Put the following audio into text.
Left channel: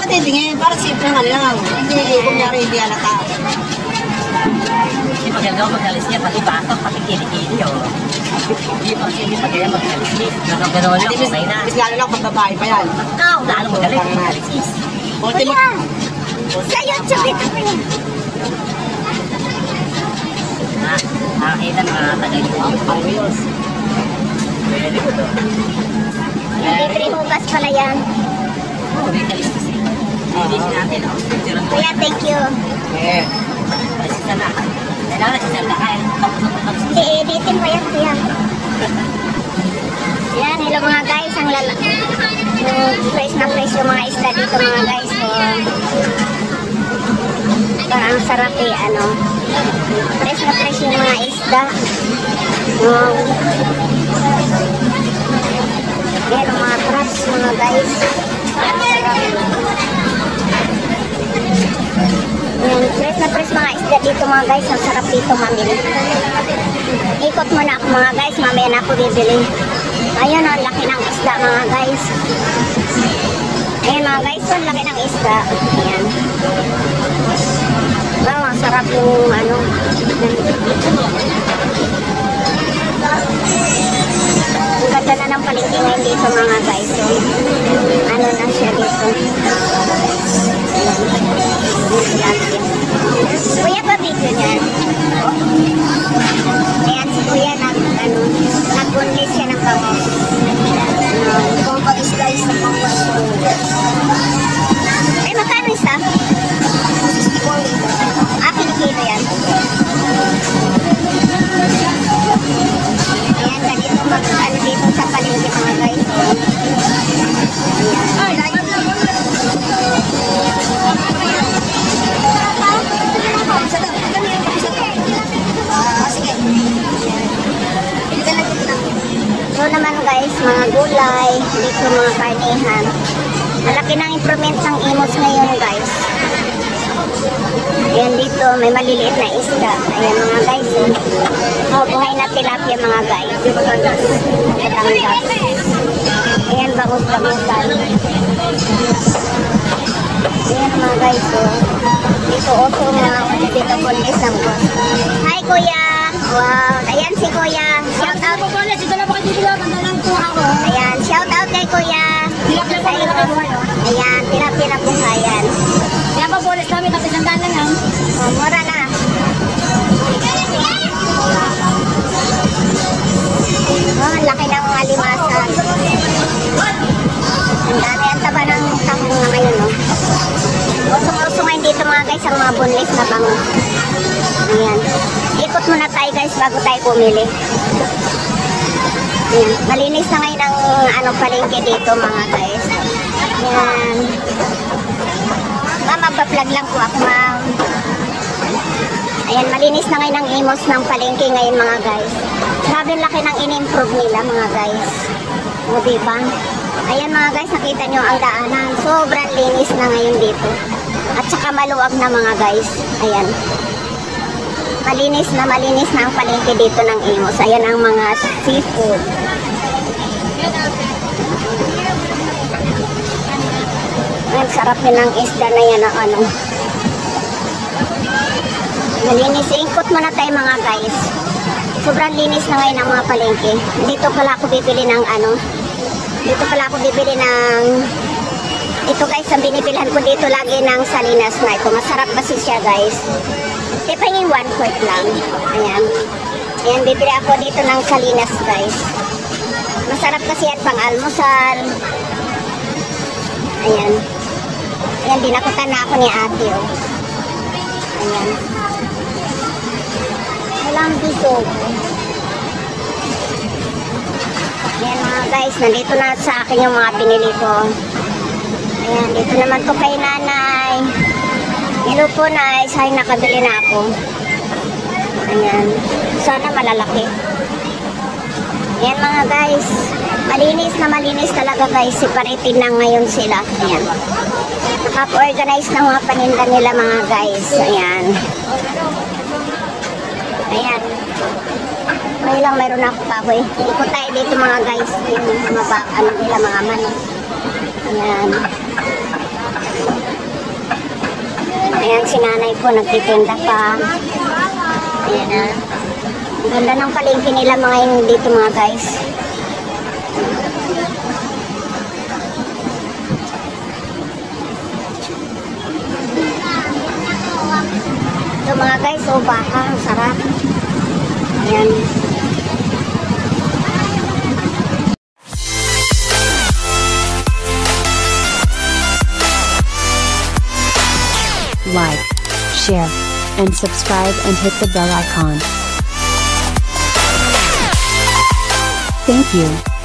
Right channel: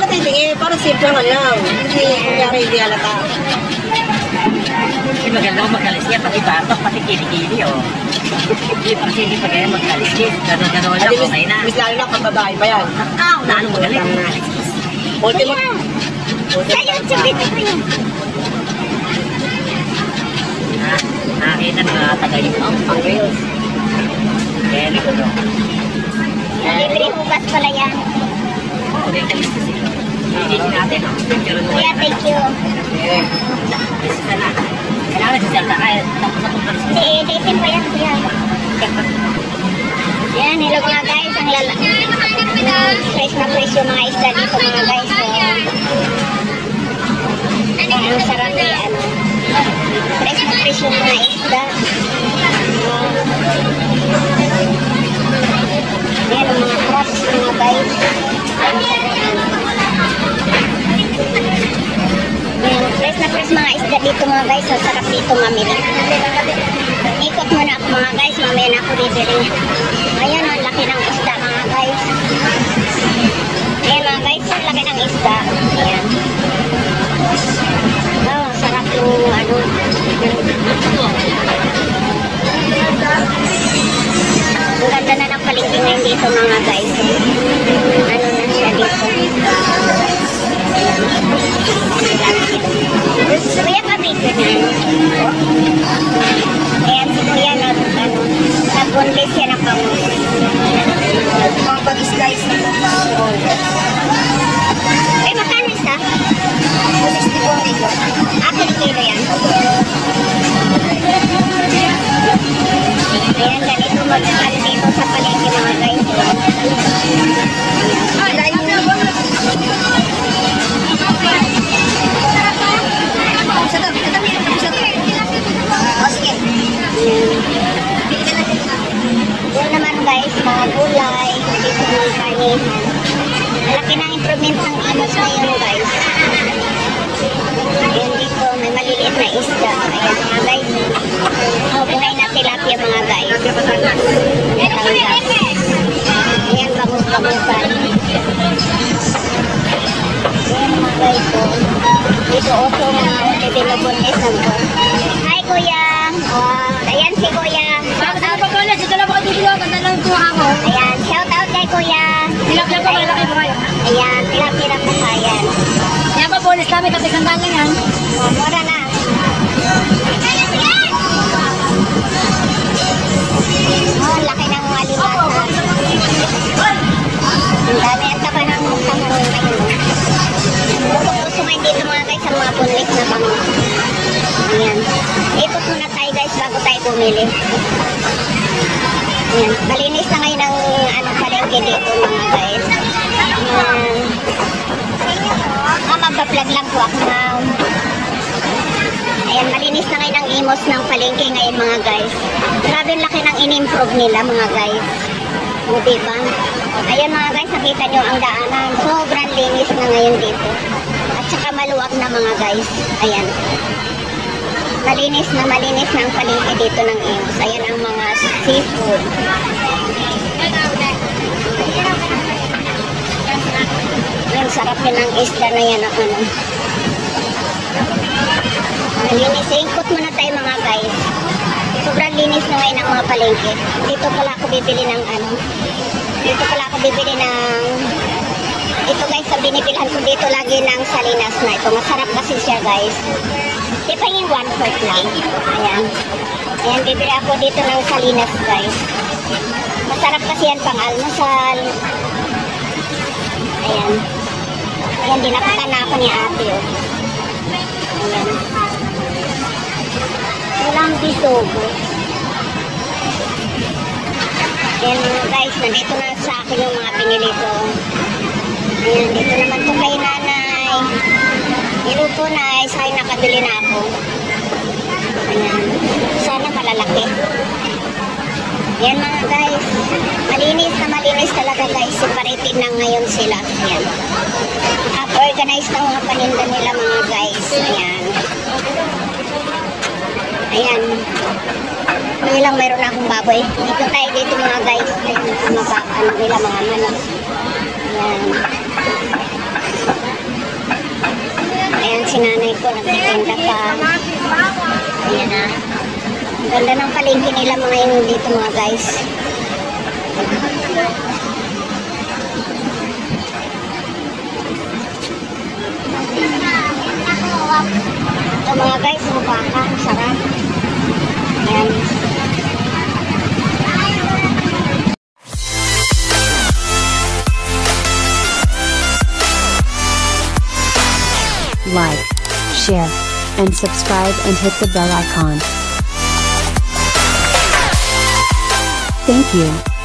Bakit titingin? Parang simple nga lang. Hindi, kunyari hindi halata. Hindi maganda mag-alis niya, pati batok, pati kili-kili, oh. Hindi pa kasi hindi maganda mag-alis niya. Gano'n lang, okay na. Mas lalo lang pag babae pa yan. Lalo magaling mag-alis niya. Kuya, sa YouTube ito po yun. Nakakita mga tagay mo. Ayos. Very good. Libre hugas pala yan. Okay, alis kasi. Linisin natin, oh. Kuya, thank you. Alis na. Kailangan nagsisalta ka. Tapos na pag-alis. Hindi, editin mo yan, kuya. Yan, hello mga guys. Ang fresh na fresh yung mga isda dito mga guys. So, ang sarap eh, ano. Fresh na fresh yung mga isda. Yan, ang mga crabs mga guys. Ang sarap. Yan, fresh na fresh mga isda dito mga guys. Ang sarap dito mamili. Ikot mo na ako mga guys. Mamaya na ako bibili. Ayan, ang laki ng isda mga guys. Ayan mga guys, ang laki ng isda. Ayan. Wow, ang sarap yung ano. Ganda na ng palengke ngayon dito mga guys. So, ano na siya dito. Kuya, papito na. Ayan, si Kuya nag-bunlis siya ng bangus. Kung pag-slice na pang-roll. Eh, makano isa? 60 po dito. Kilo yan. Ayan, ganito mag-cut dito sa palengke mga guys. Doon naman guys, mga gulay, dito mga karnihan. Malaki ng improvement ng imos ngayon guys. Ayan dito, may maliliit na isda. Ayan mga guys. Tunay na tilapia mga guys. Ayan, bangus-bangusan. Ayan mga guys. Ito also na pinabunlis ng box. Hi kuya! Wow! Ayan si kuya. Shout out. Ayan, shout out kay kuya. Ayan, tilapia po ayan. Kaya pa bonus namin kasi sandaan lang yan. Oh, mura na. Oh, laki ng mga limasan. Ang dami ang taba ng utang nyo ngayon. Puso ngayon dito mga guys ang mga bunlis na bangus. Ayan. Ikot muna tayo guys bago tayo bumili. Ayan. Malinis na ngayon ang palengke dito mga guys. Ayan. Magpa-vlog lang po ako ma'am. Ayan, malinis na ngayon ang imos ng palengke ngayon mga guys. Grabe ang laki ng in-improve nila mga guys. O diba? Ayan mga guys, nakita nyo ang daanan. Sobrang linis na ngayon dito. At saka maluwag na mga guys. Ayan. Malinis na ang palengke dito ng imos. Ayan ang mga seafood. Ang sarap din ng isda na yan ang ano. Malinis. Ikot muna tayo mga guys. Sobrang linis na ngayon ang mga palengke. Dito pala ako bibili ng ano. Dito pala ako bibili ng... Ito guys, ang binibilhan ko dito lagi ng salinas na ito. Masarap kasi siya guys. Di pa yung 1/4 lang. Ayan. Ayan, bibili ako dito ng salinas guys. Masarap kasi yan pang almusal. Ayan. Ayan, dinakutan na ako ni ate. Oh. Ayan. Walang bisogo. Ayan mga guys, nandito na sa akin yung mga pinili ko. Ayan, dito naman to kay nanay. Hello po nay, sa'yo nakabili na ako. Ayan. Sana malalaki. Ayan mga guys. Malinis talaga guys. Separated na ngayon sila. Ayan. Nakap-organize na mga paninda nila mga guys. Ayan. Ayan. Ngayon lang mayroon akong baboy. Ikot tayo dito mga guys. Ayan, mga anak nila mga manok. Ayan. Ayan, si nanay po nagtitinda pa. Ayan na. Ganda ng palengke nila mga yun dito mga guys. Ito mga guys, baka, ang sarap. Ayan. Like, share, and subscribe and hit the bell icon. Thank you.